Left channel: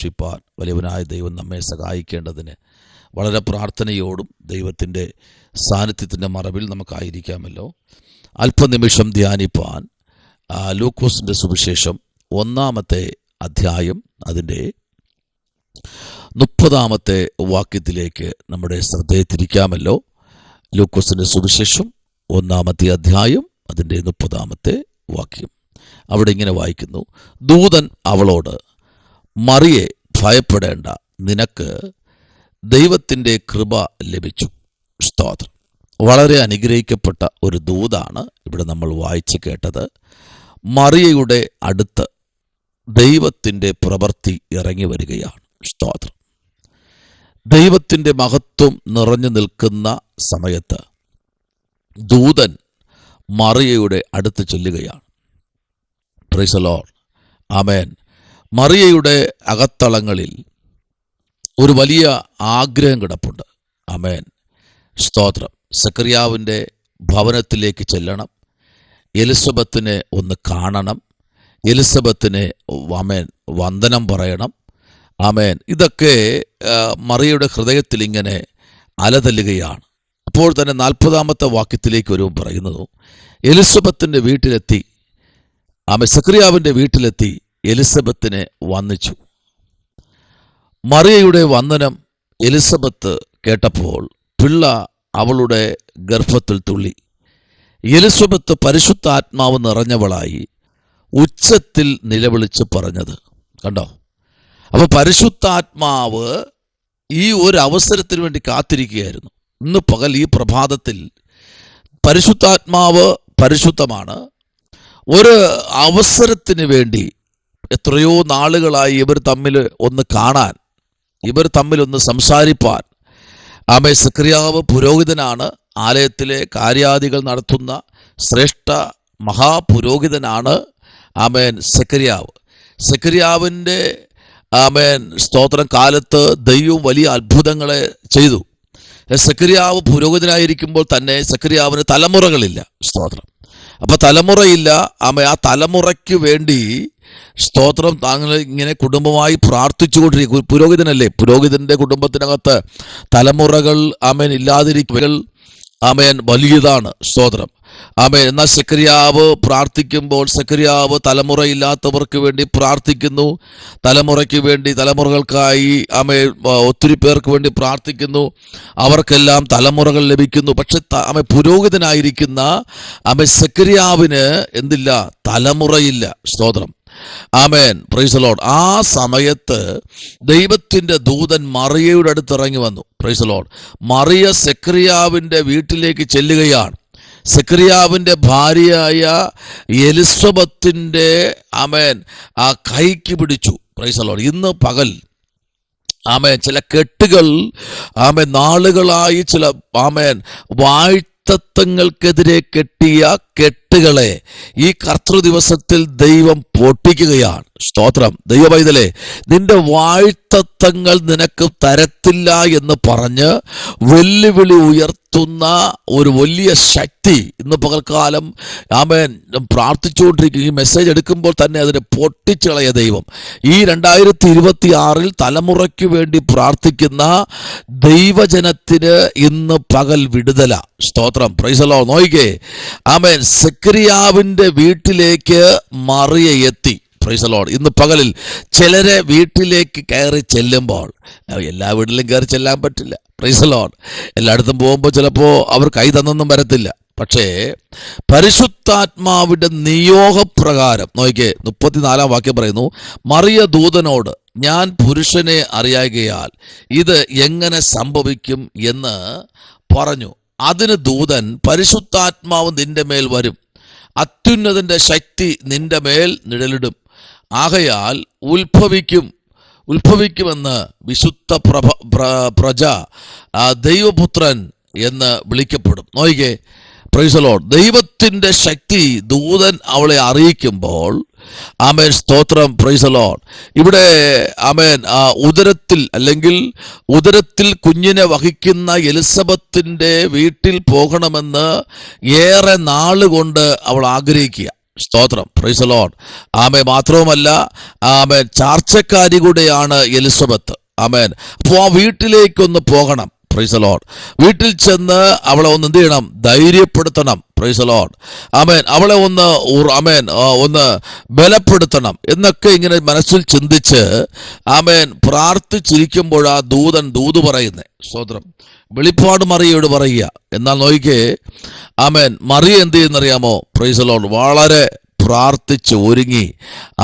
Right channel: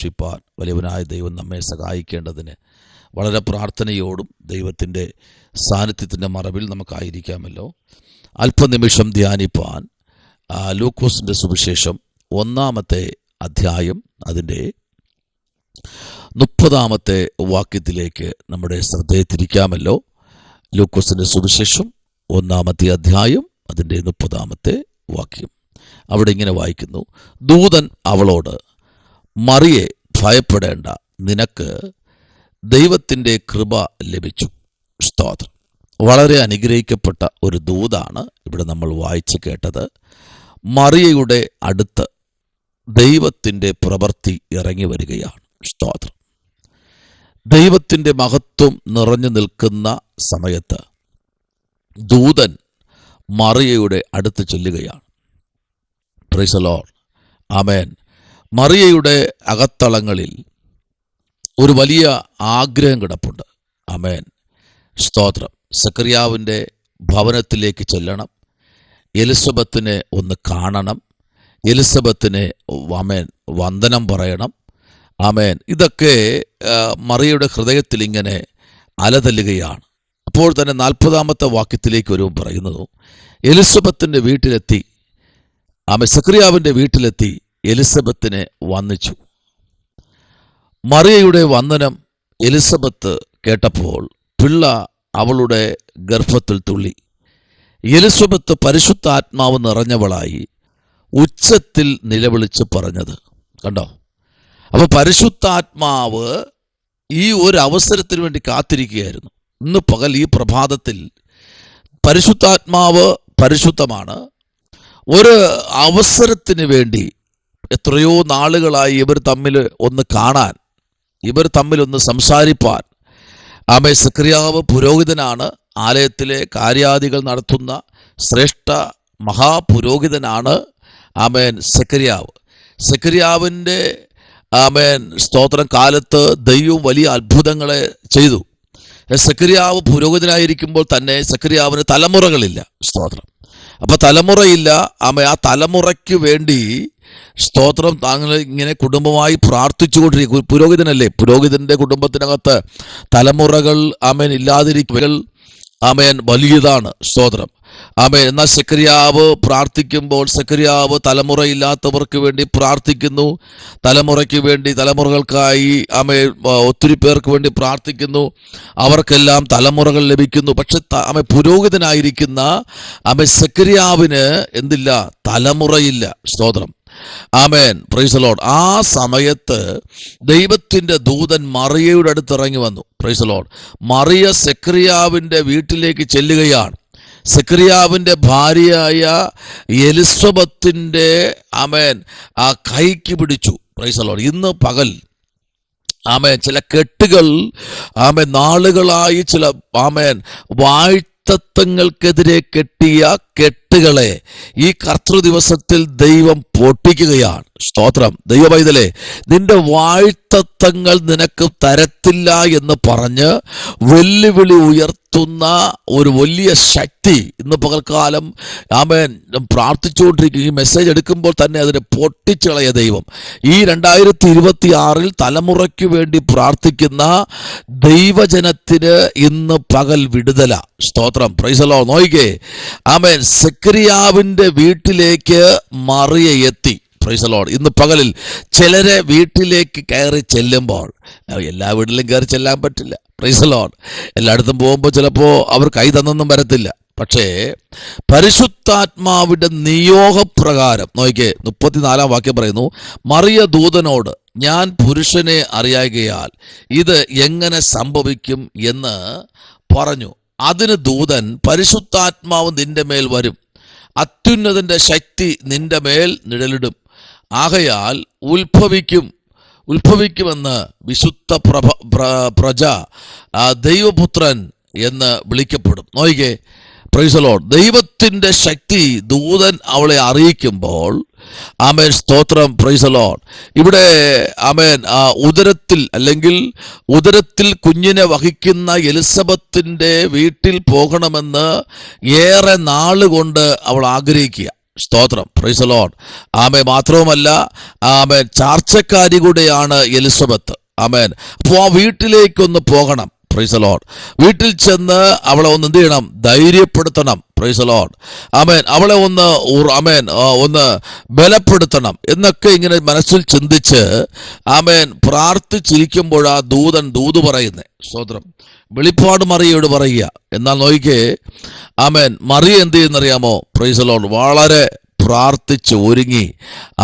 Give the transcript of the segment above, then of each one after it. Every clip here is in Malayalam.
രക്ഷിപ്പാൻ വലിയവനായ ദൈവം നമ്മെ സഹായിക്കേണ്ടതിന് വളരെ പ്രാർത്ഥനയോടും ദൈവത്തിൻ്റെ സാന്നിധ്യത്തിൻ്റെ മറവിൽ നമുക്കായിരിക്കാമല്ലോ. അല്പനിമിഷം ധ്യാനിപ്പാൻ ലൂക്കോസിൻ്റെ സുവിശേഷം 1-ാമത്തെ അധ്യായം അതിൻ്റെ 30-ാമത്തെ വാക്യത്തിലേക്ക് നമ്മുടെ ശ്രദ്ധയെ തിരിക്കാമല്ലോ. ലൂക്കോസിൻ്റെ സുവിശേഷം 1-ാമത്തെ അധ്യായം അതിൻ്റെ 30-ാമത്തെ വാക്യം. അവിടെ ഇങ്ങനെ വായിക്കുന്നു: ദൂതൻ അവളോട്, മറിയെ, ഭയപ്പെടേണ്ട, നിനക്ക് ദൈവത്തിൻ്റെ കൃപ ലഭിച്ചു. സ്തോത്രം. വളരെ അനുഗ്രഹിക്കപ്പെട്ട ഒരു ദൂതാണ് ഇവിടെ നമ്മൾ വായിച്ച് കേട്ടത്. മറിയയുടെ അടുത്ത് ദൈവത്തിൻ്റെ പ്രവൃത്തി ഇറങ്ങി വരികയാണ്. സ്തോത്രം. ദൈവത്തിൻ്റെ മഹത്വം നിറഞ്ഞു നിൽക്കുന്ന സമയത്ത് ദൂതൻ മറിയയുടെ അടുത്ത് ചെല്ലുകയാണ്. Praise the lord. ആമേൻ. മറിയയുടെ അകത്തളങ്ങളിൽ ഒരു വലിയ ആഗ്രഹം കിടപ്പുണ്ട്. ആമേൻ. സ്തോത്രം. സക്കറിയാവിൻ്റെ ഭവനത്തിലേക്ക് ചെല്ലണം, എലിസബത്തിനെ ഒന്ന് കാണണം, എലിസബത്തിനെ ആമേൻ വന്ദനം പറയണം. ആമേൻ. ഇതൊക്കെ മറിയയുടെ ഹൃദയത്തിൽ ഇങ്ങനെ അലതല്ലുകയാണ്. അപ്പോൾ തന്നെ 40-ാമത്തെ വാക്യത്തിലേക്ക് വരുമ്പോൾ പറയുന്നത്, എലിസബത്തിൻ്റെ വീട്ടിലെത്തി, സക്കറിയാവിൻ്റെ വീട്ടിലെത്തി എലിസബത്തിനെ വന്ദിച്ചു. മറിയയുടെ വന്ദനം എലിസബത്ത് കേട്ടപ്പോൾ പിള്ള അവളുടെ ഗർഭത്തിൽ തുള്ളി. എലിസബത്ത് പരിശുദ്ധാത്മാവ് നിറഞ്ഞവളായി ഉച്ചത്തിൽ നിലവിളിച്ച് പറഞ്ഞത് കണ്ടോ. അപ്പോൾ പരിശുദ്ധാത്മാവ് ഈ ഒരു അവസരത്തിന് വേണ്ടി കാത്തിരിക്കുകയായിരുന്നു. ഇന്ന് പകൽ ഈ പ്രഭാതത്തിൽ പരിശുദ്ധാത്മാവ് പരിശുദ്ധമാണ്. ഒരു അവസരത്തിന് വേണ്ടി എത്രയോ നാളുകളായി ഇവർ തമ്മിൽ ഒന്ന് കാണാൻ, ഇവർ തമ്മിലൊന്ന് സംസാരിപ്പാൻ. ആമേൻ. സക്കറിയാവ് പുരോഹിതനാണ്, ആലയത്തിലെ കാര്യാദികൾ നടത്തുന്ന ശ്രേഷ്ഠ മഹാപുരോഹിതനാണ്. ആമേൻ. സക്കറിയാവിൻ്റെ ആമേൻ സ്തോത്രം കാലത്ത് ദൈവം വലിയ അത്ഭുതങ്ങളെ ചെയ്തു. സക്കറിയാവ് പുരോഹിതനായിരിക്കുമ്പോൾ തന്നെ സക്കറിയാവിന് തലമുറകളില്ല. സ്തോത്രം. അപ്പോൾ തലമുറയില്ല. ആ തലമുറയ്ക്ക് വേണ്ടി സ്തോത്രം താങ്കൾ ഇങ്ങനെ കുടുംബമായി പ്രാർത്ഥിച്ചുകൊണ്ടിരിക്കും. പുരോഹിതനല്ലേ, പുരോഹിതന്റെ കുടുംബത്തിനകത്ത് തലമുറകൾ ആമേൻ ഇല്ലാതിരിക്കൽ ആമേൻ വലിയതാണ്. സ്തോത്രം. ആമേൻ. എന്നാൽ സക്കറിയാവ് പ്രാർത്ഥിക്കുമ്പോൾ സക്കറിയാവ് തലമുറയില്ലാത്തവർക്ക് വേണ്ടി പ്രാർത്ഥിക്കുന്നു, തലമുറയ്ക്ക് വേണ്ടി, തലമുറകൾക്കായി ആമേൻ ഒത്തിരി പേർക്ക് വേണ്ടി പ്രാർത്ഥിക്കുന്നു, അവർക്കെല്ലാം തലമുറകൾ ലഭിക്കുന്നു. പക്ഷെ ആമേൻ പുരോഹിതനായിരിക്കുന്ന ആമേൻ സക്കറിയാവിന് എന്തില്ല? തലമുറയില്ല. സ്തോത്രം. ആമേൻ. Praise the lord. ആ സമയത്ത് ദൈവത്തിന്റെ ദൂതൻ മറിയയുടെ അടുത്ത് ഇറങ്ങി വന്നു. Praise the lord. മറിയ സക്കറിയാവിന്റെ വീട്ടിലേക്ക് ചെല്ലുകയാണ്. സക്കറിയാവിന്റെ ഭാര്യയായ എലിസബത്തിന്റെ ആമേൻ ആ കൈക്ക് പിടിച്ചു. Praise the lord. ഇന്ന് പകൽ ആമേൻ ചില കെട്ടുകൾ ആമേൻ നാളുകളായി ചില ആമേൻ വാഴ്ത്തത്വങ്ങൾക്കെതിരെ കെട്ടിയ കെട്ടുകളെ ഈ കർത്തൃ ദിവസത്തിൽ ദൈവം പൊട്ടിക്കുകയാണ്. സ്തോത്രം. ദൈവപൈതലേ, നിന്റെ വാഴ്ത്തത്വങ്ങൾ നിനക്ക് തരത്തില്ല എന്ന് പറഞ്ഞ് വെല്ലുവിളി ഉയർത്തുന്ന ഒരു വലിയ ശക്തി ഇന്ന് പകൽക്കാലം ആമേൻ പ്രാർത്ഥിച്ചുകൊണ്ടിരിക്കും. ഈ മെസ്സേജ് എടുക്കുമ്പോൾ തന്നെ അതിനെ പൊട്ടിച്ചളയ ദൈവം. ഈ 2026 തലമുറയ്ക്ക് വേണ്ടി പ്രാർത്ഥിക്കുന്ന ദൈവജനത്തിന് ഇന്ന് പകൽ വിടുതല. സ്തോത്രം. Praise the lord. നോയിക്കേ. ആമേൻ. സക്കറിയാവിന്റെ വീട്ടിലേക്ക് മറിയ എത്തി. Praise the lord. ഇന്ന് പകലിൽ ചിലരെ വീട്ടിലേക്ക് കയറി ചെല്ലുമ്പോൾ, എല്ലാ വീട്ടിലും കയറി ചെല്ലാൻ പറ്റില്ല. Price the Lord. എല്ലായിടത്തും പോകുമ്പോൾ ചിലപ്പോൾ അവർ കൈ തന്നൊന്നും വരത്തില്ല. പക്ഷേ പരിശുദ്ധാത്മാവിന്റെ നിയോഗപ്രകാരം നോക്കിക്കേ, 34-ാം വാക്യം പറയുന്നു, മറിയ ദൂതനോട്, ഞാൻ പുരുഷനെ അറിയാകയാൽ ഇത് എങ്ങനെ സംഭവിക്കും എന്ന് പറഞ്ഞു. അതിന് ദൂതൻ, പരിശുദ്ധാത്മാവ് നിന്റെ മേൽ വരും, അത്യുന്നതന്റെ ശക്തി നിന്റെ മേൽ നിഴലിടും, ആകയാൽ ഉത്ഭവിക്കുമെന്ന് വിശുദ്ധ പ്രജ ദൈവപുത്രൻ എന്ന് വിളിക്കപ്പെടും. നോയിക്കേ. Praise the lord. ദൈവത്തിന്റെ ശക്തി ദൂതൻ അവളെ അറിയിക്കുമ്പോൾ ആമേൻ സ്തോത്രം. Praise the lord. ഇവിടെ ആമേൻ ഉദരത്തിൽ കുഞ്ഞിനെ വഹിക്കുന്ന എലിസബത്തിന്റെ വീട്ടിൽ പോകണമെന്ന് ഏറെ നാളുകൊണ്ട് അവൾ ആഗ്രഹിക്കുക. സ്തോത്രം, പ്രൈസ് ദി ലോർഡ്. ആമേൻ. മാത്രവുമല്ല, ആമേൻ, ചാർച്ചക്കാരി കൂടെയാണ് എലിസബത്ത്. ആമേൻ. അപ്പോൾ ആ വീട്ടിലേക്കൊന്ന് പോകണം. Praise the lord. വീട്ടിൽ ചെന്ന് അവളെ ഒന്ന് എന്ത് ചെയ്യണം? ധൈര്യപ്പെടുത്തണം. Praise the lord. ആമേൻ. അവളെ ഒന്ന് ഒന്ന് ബലപ്പെടുത്തണം എന്നൊക്കെ ഇങ്ങനെ മനസ്സിൽ ചിന്തിച്ച് ആമേൻ പ്രാർത്ഥിച്ചിരിക്കുമ്പോഴാ ദൂത് പറയുന്നേ. സ്തോത്രം. വെളിപ്പാട് മറിയയോട് പറയുക. എന്നാൽ നോക്കിക്കേ, ആമേൻ, മറിയ എന്ത് ചെയ്യുന്നറിയാമോ? Price the Lord. വളരെ പ്രാർത്ഥിച്ച് ഒരുങ്ങി.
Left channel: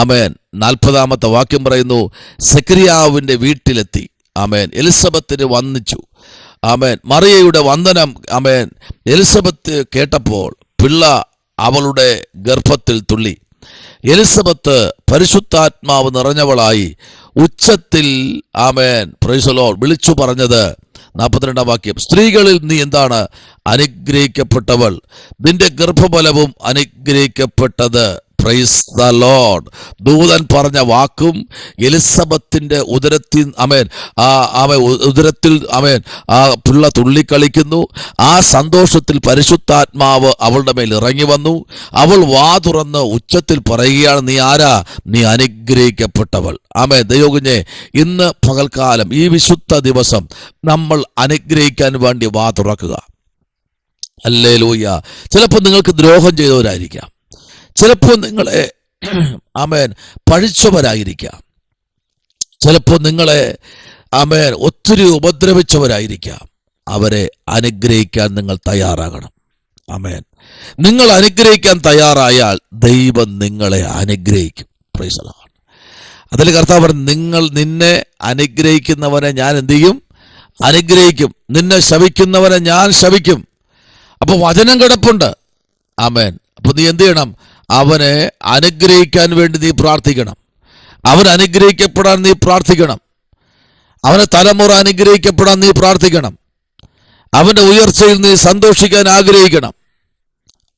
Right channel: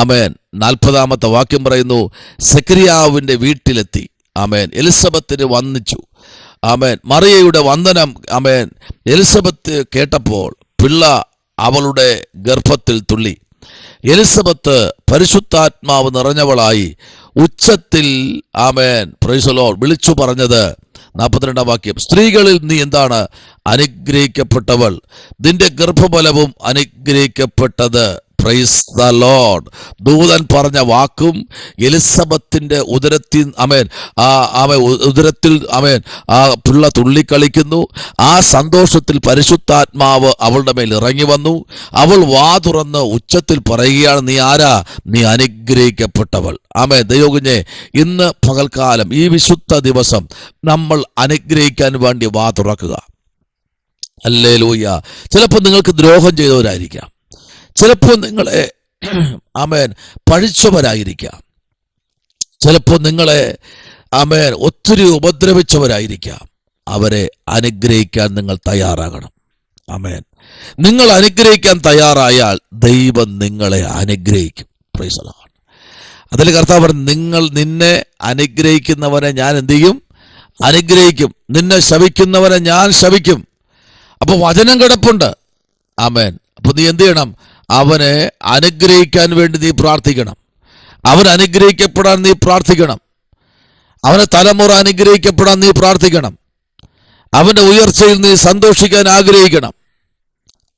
ആമേൻ. 40-ാമത്തെ വാക്യം പറയുന്നു, സെക്കരിയാവിന്റെ വീട്ടിലെത്തി. ആമേൻ. എലിസബത്തിന് വന്ദിച്ചു. ആമേൻ. മറിയയുടെ വന്ദനം ആമേൻ എലിസബത്ത് കേട്ടപ്പോൾ പിള്ള അവളുടെ ഗർഭത്തിൽ തുള്ളി. എലിസബത്ത് പരിശുദ്ധാത്മാവ് നിറഞ്ഞവളായി ഉച്ചത്തിൽ ആമേൻ പ്രൈസ് ദി ലോർഡ് വിളിച്ചു പറഞ്ഞത് 42-ാം വാക്യം, സ്ത്രീകളിൽ നീ എന്താണ്? അനുഗ്രഹിക്കപ്പെട്ടവൾ, നിന്റെ ഗർഭഫലവും അനുഗ്രഹിക്കപ്പെട്ടത്. Praise the lord. ദൂതൻ പറഞ്ഞ വാക്കും എലിസബത്തിന്റെ ഉദരത്തിൽ ഉദരത്തിൽ ആ പിള്ള തുള്ളിക്കളിക്കുന്നു. ആ സന്തോഷത്തിൽ പരിശുദ്ധാത്മാവ് അവളുടെ മേൽ ഇറങ്ങി വന്നു. അവൾ വാ തുറന്ന് ഉച്ചത്തിൽ പറയുകയാണ്, നീ ആരാ? നീ അനുഗ്രഹിക്കപ്പെട്ടവൾ. ആമേൻ. ദൈവകുഞ്ഞേ, ഇന്ന് പകൽക്കാലം ഈ വിശുദ്ധ ദിവസം നമ്മൾ അനുഗ്രഹിക്കാൻ വേണ്ടി വാ തുറക്കുക. ഹല്ലേലൂയ. ചിലപ്പോൾ നിങ്ങൾക്ക് ദ്രോഹം ചെയ്തവരായിരിക്കാം. ചിലപ്പോൾ നിങ്ങളെ ആമേൻ പഴിച്ചവരായിരിക്കാം. ചിലപ്പോൾ നിങ്ങളെ ആമേൻ ഒത്തിരി ഉപദ്രവിച്ചവരായിരിക്കാം. അവരെ അനുഗ്രഹിക്കാൻ നിങ്ങൾ തയ്യാറാകണം. ആമേൻ. നിങ്ങൾ അനുഗ്രഹിക്കാൻ തയ്യാറായാൽ ദൈവം നിങ്ങളെ അനുഗ്രഹിക്കും. Price the Lord. അതിൽ കർത്താവ് പറഞ്ഞു, നിന്നെ അനുഗ്രഹിക്കുന്നവനെ ഞാൻ എന്ത് ചെയ്യും? അനുഗ്രഹിക്കും. നിന്നെ ശപിക്കുന്നവനെ ഞാൻ ശപിക്കും. അപ്പൊ വചനം കിടപ്പുണ്ട്. ആമേൻ. അപ്പൊ നീ എന്ത് ചെയ്യണം? അവനെ അനുഗ്രഹിക്കാൻ വേണ്ടി നീ പ്രാർത്ഥിക്കണം. അവൻ അനുഗ്രഹിക്കപ്പെടാൻ നീ പ്രാർത്ഥിക്കണം. അവന്റെ തലമുറ അനുഗ്രഹിക്കപ്പെടാൻ നീ പ്രാർത്ഥിക്കണം. അവന്റെ ഉയർച്ചയിൽ നീ സന്തോഷിക്കാൻ ആഗ്രഹിക്കണം.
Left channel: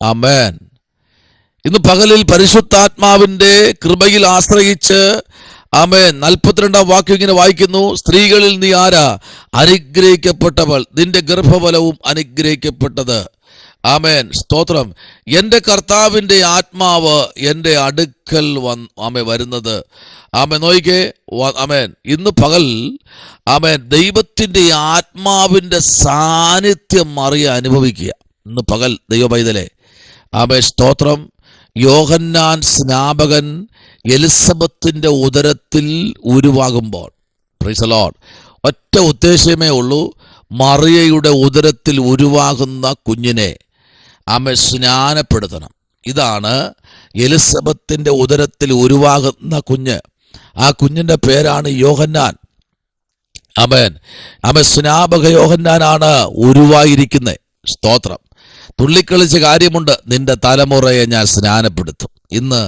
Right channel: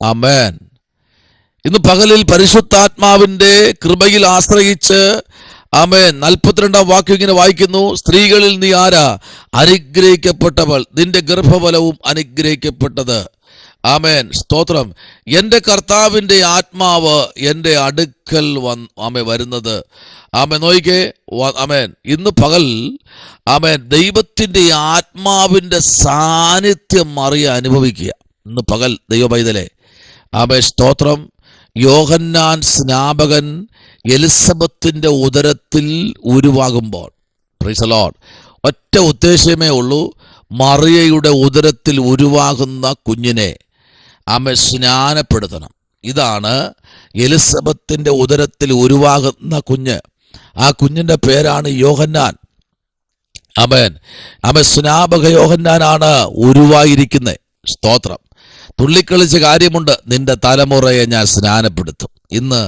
ആമേൻ. ഇന്ന് പകലിൽ പരിശുദ്ധാത്മാവിന്റെ കൃപയിൽ ആശ്രയിച്ച് ആമേൻ 42-ാം വാക്യം ഇങ്ങനെ വായിക്കുന്നു, സ്ത്രീകളിൽ നീ ആരാ? അനുഗ്രഹിക്കപ്പെട്ടവൾ, നിന്റെ ഗർഭഫലവും അനുഗ്രഹിക്കപ്പെട്ടത്. ആമേൻ. സ്തോത്രം. എന്റെ കർത്താവിന്റെ ആത്മാവ് എന്റെ അടുക്കൽ വരുന്നത്. ആമേൻ. നോയിക്കേ. ആമേൻ. ഇന്ന് പകൽ ആമേൻ ദൈവത്തിന്റെ ആത്മാവിന്റെ സാന്നിധ്യം മറിയ അനുഭവിക്കുക. ഇന്ന് പകൽ ദൈവപൈതലേ. ആമേൻ. സ്തോത്രം. യോഹന്നാൻ സ്നാപകൻ എലിസബത്തിന്റെ ഉദരത്തിൽ ഉരുവാകുമ്പോൾ പ്രൈസ് ദി ലോർഡ് ഒറ്റ ഉദ്ദേശമേ ഉള്ളൂ, മറിയയുടെ ഉദരത്തിൽ ഉരുവാകുന്ന കുഞ്ഞിനെ ആമേൻ സ്നാനപ്പെടുത്തണം. ഇതാണ് എലിസബത്തിന്റെ ഉദരത്തിൽ ഉരുവാകുന്ന കുഞ്ഞ്. ആ കുഞ്ഞിന്റെ പേരാണ് യോഹന്നാൻ. ആമേൻ. ആമേൻ. സ്നാപക യോഹന്നാനാണ് ഉരുവായിരിക്കുന്നത്. സ്തോത്രം. തുള്ളിക്കളിച്ച കാര്യമുണ്ട്. നിന്റെ തലമുറയെ ഞാൻ സ്നാനപ്പെടുത്തും. ഇന്ന്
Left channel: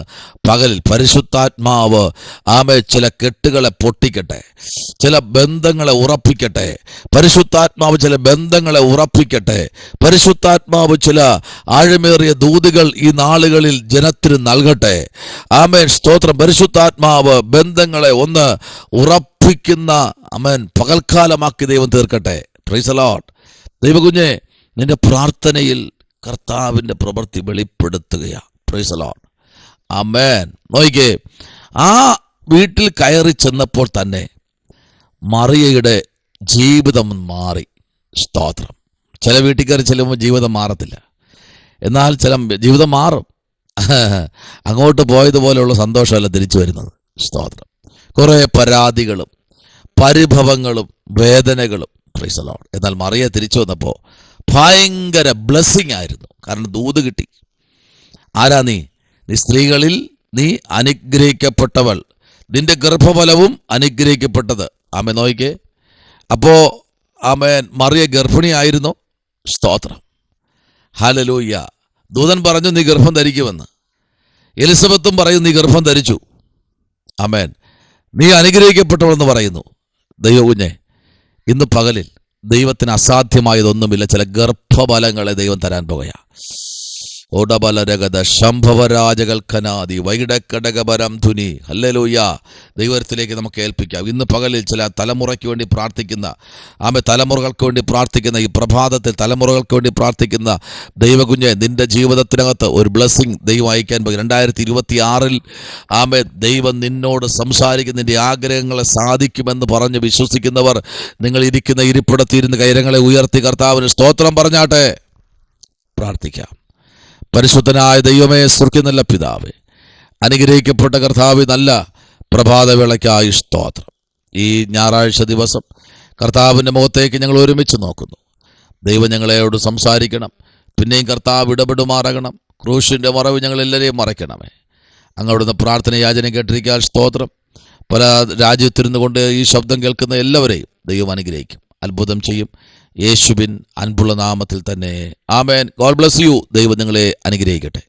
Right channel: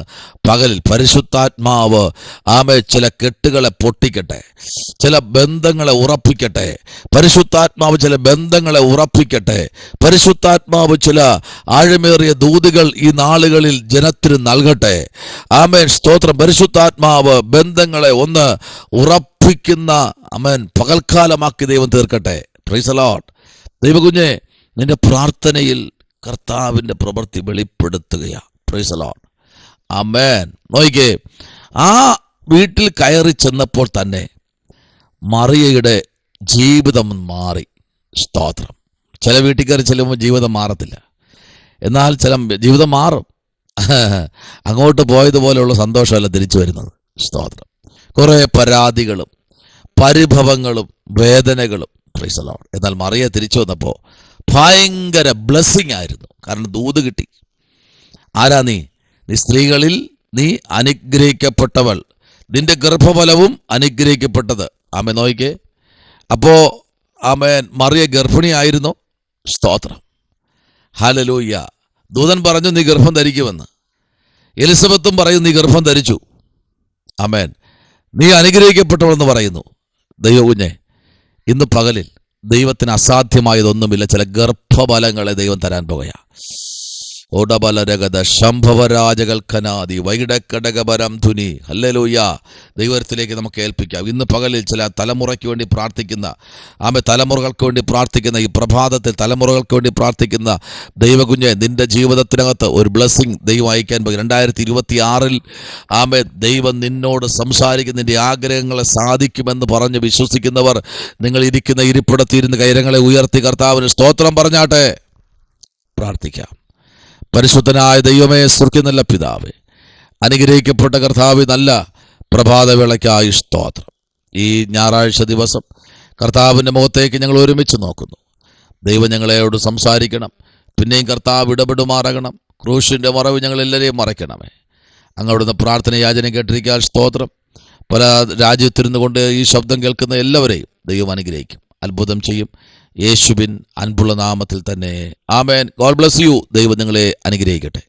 പകലിൽ പരിശുദ്ധാത്മാവ് ആമേൻ ചില കെട്ടുകളെ പൊട്ടിക്കട്ടെ, ചില ബന്ധങ്ങളെ ഉറപ്പിക്കട്ടെ. പരിശുദ്ധാത്മാവ് ചില ബന്ധങ്ങളെ ഉറപ്പിക്കട്ടെ. പരിശുദ്ധാത്മാവ് ചില ആഴമേറിയ ദൂതുകൾ ഈ നാളുകളിൽ ജനത്തിന് നൽകട്ടെ. ആമേൻ. സ്തോത്രം. പരിശുദ്ധാത്മാവ് ബന്ധങ്ങളെ ഒന്ന് ഉറപ്പിക്കുന്ന ആമേൻ പകൽക്കാലമാക്കി ദൈവം തീർക്കട്ടെ. Price the Lord. ദൈവകുഞ്ഞെ, നിന്റെ പ്രാർത്ഥനയിൽ കർത്താവിന്റെ പ്രവൃത്തി വെളിപ്പെടുത്തുകയാ. Praise the lord. ആമേൻ. നോക്കിക്കേ, ആ വീട്ടിൽ കയറി ചെന്നപ്പോൾ തന്നെ മറിയയുടെ ജീവിതം മാറി. സ്തോത്രം. ചില വീട്ടിൽ കയറി ചെല്ലുമ്പോൾ ജീവിതം മാറത്തില്ല, എന്നാൽ ചില ജീവിതം മാറും. അങ്ങോട്ട് പോയതുപോലെയുള്ള സന്തോഷമല്ല തിരിച്ചു വരുന്നത്. സ്തോത്രം. കുറെ പരാതികളും പരിഭവങ്ങളും വേദനകളും. Price the Lord. എന്നാൽ മറിയ തിരിച്ചു വന്നപ്പോൾ ഭയങ്കര ബ്ലെസ്സിങ് ആയിരുന്നു. കാരണം ദൂത് കിട്ടി. ആരാ നീ? നീ സ്ത്രീകളിൽ നീ അനുഗ്രഹിക്കപ്പെട്ടവൾ, നിന്റെ ഗർഭഫലവും അനുഗ്രഹിക്കപ്പെട്ടത്. ആമേൻ. നോയിക്കേ. അപ്പോ ആമേൻ മറിയ ഗർഭിണിയായിരുന്നു. സ്തോത്രം. ഹല്ലേലൂയ. ദൂതൻ പറഞ്ഞു നീ ഗർഭം ധരിക്കുമെന്ന്. എലിസബത്തും പറയും നീ ഗർഭം ധരിച്ചു. ആമേൻ. നീ അനുഗ്രഹിക്കപ്പെട്ടവളെന്ന് പറയുന്നു. ദൈവകുഞ്ഞെ, ഇന്ന് പകലിൽ ദൈവത്തിന് അസാധ്യമായതൊന്നുമില്ല. ചില ഗർഭഫലങ്ങളെ ദൈവം തരാൻ പോകുകയാ. ഓടബലരഗത ശംഭവരാജകൽക്കനാദി വൈഡക്കടകപരം ധുനി. ഹല്ലേലൂയ. ദൈവത്തിലേക്ക് നമുക്ക് ഏൽപ്പിക്കാം. ഇന്ന് പകലിൽ ചില തലമുറയ്ക്ക് വേണ്ടി പ്രാർത്ഥിക്കുന്ന, തലമുറകൾക്ക് വേണ്ടി പ്രാർത്ഥിക്കുന്ന, ഈ പ്രഭാതത്തിൽ തലമുറകൾക്ക് വേണ്ടി പ്രാർത്ഥിക്കുന്ന ദൈവകുഞ്ഞെ, നിന്റെ ജീവിതത്തിനകത്ത് ഒരു ബ്ലെസ്സിങ് ദൈവം അയക്കാൻ പോകും. 2026 ദൈവം നിന്നോട് സംസാരിക്കുന്ന നിന്റെ ആഗ്രഹങ്ങളെ സാധിക്കുമെന്ന് പറഞ്ഞ് വിശ്വസിക്കുന്നവർ, നിങ്ങൾ ഇരിക്കുന്ന ഇരിപ്പിടത്തിരുന്ന് കൈരങ്ങളെ ഉയർത്തി കർത്താവിന് സ്തോത്രം പറഞ്ഞാട്ടെ. പ്രാർത്ഥിക്കാം. പരിശുദ്ധനായ ദൈവമേ, സ്വർഗ്ഗത്തിലുള്ള പിതാവേ, അനുഗ്രഹിക്കപ്പെട്ട കർത്താവേ, നല്ല പ്രഭാതവേളയ്ക്കായി സ്തോത്രം. ഈ ഞായറാഴ്ച ദിവസം കർത്താവിൻ്റെ മുഖത്തേക്ക് ഞങ്ങൾ ഒരുമിച്ച് നോക്കുന്നു. ദൈവം ഞങ്ങളോട് സംസാരിക്കണം. പിന്നെയും കർത്താവ് ഇടപെടുമാറാകണം. ക്രൂശിൻ്റെ മറവ് ഞങ്ങളെല്ലാവരെയും മറയ്ക്കണമേ. അങ്ങോടുന്ന് പ്രാർത്ഥന യാചന കേട്ടിരിക്കാൻ സ്തോത്രം. പല രാജ്യത്തിരുന്നു കൊണ്ട് ഈ ശബ്ദം കേൾക്കുന്ന എല്ലാവരെയും ദൈവം അനുഗ്രഹിക്കും, അത്ഭുതം ചെയ്യും. യേശുവിൻ അൻപുള്ള നാമത്തിൽ തന്നെ ആമേൻ. God bless you. ദൈവം നിങ്ങളെ അനുഗ്രഹിക്കട്ടെ.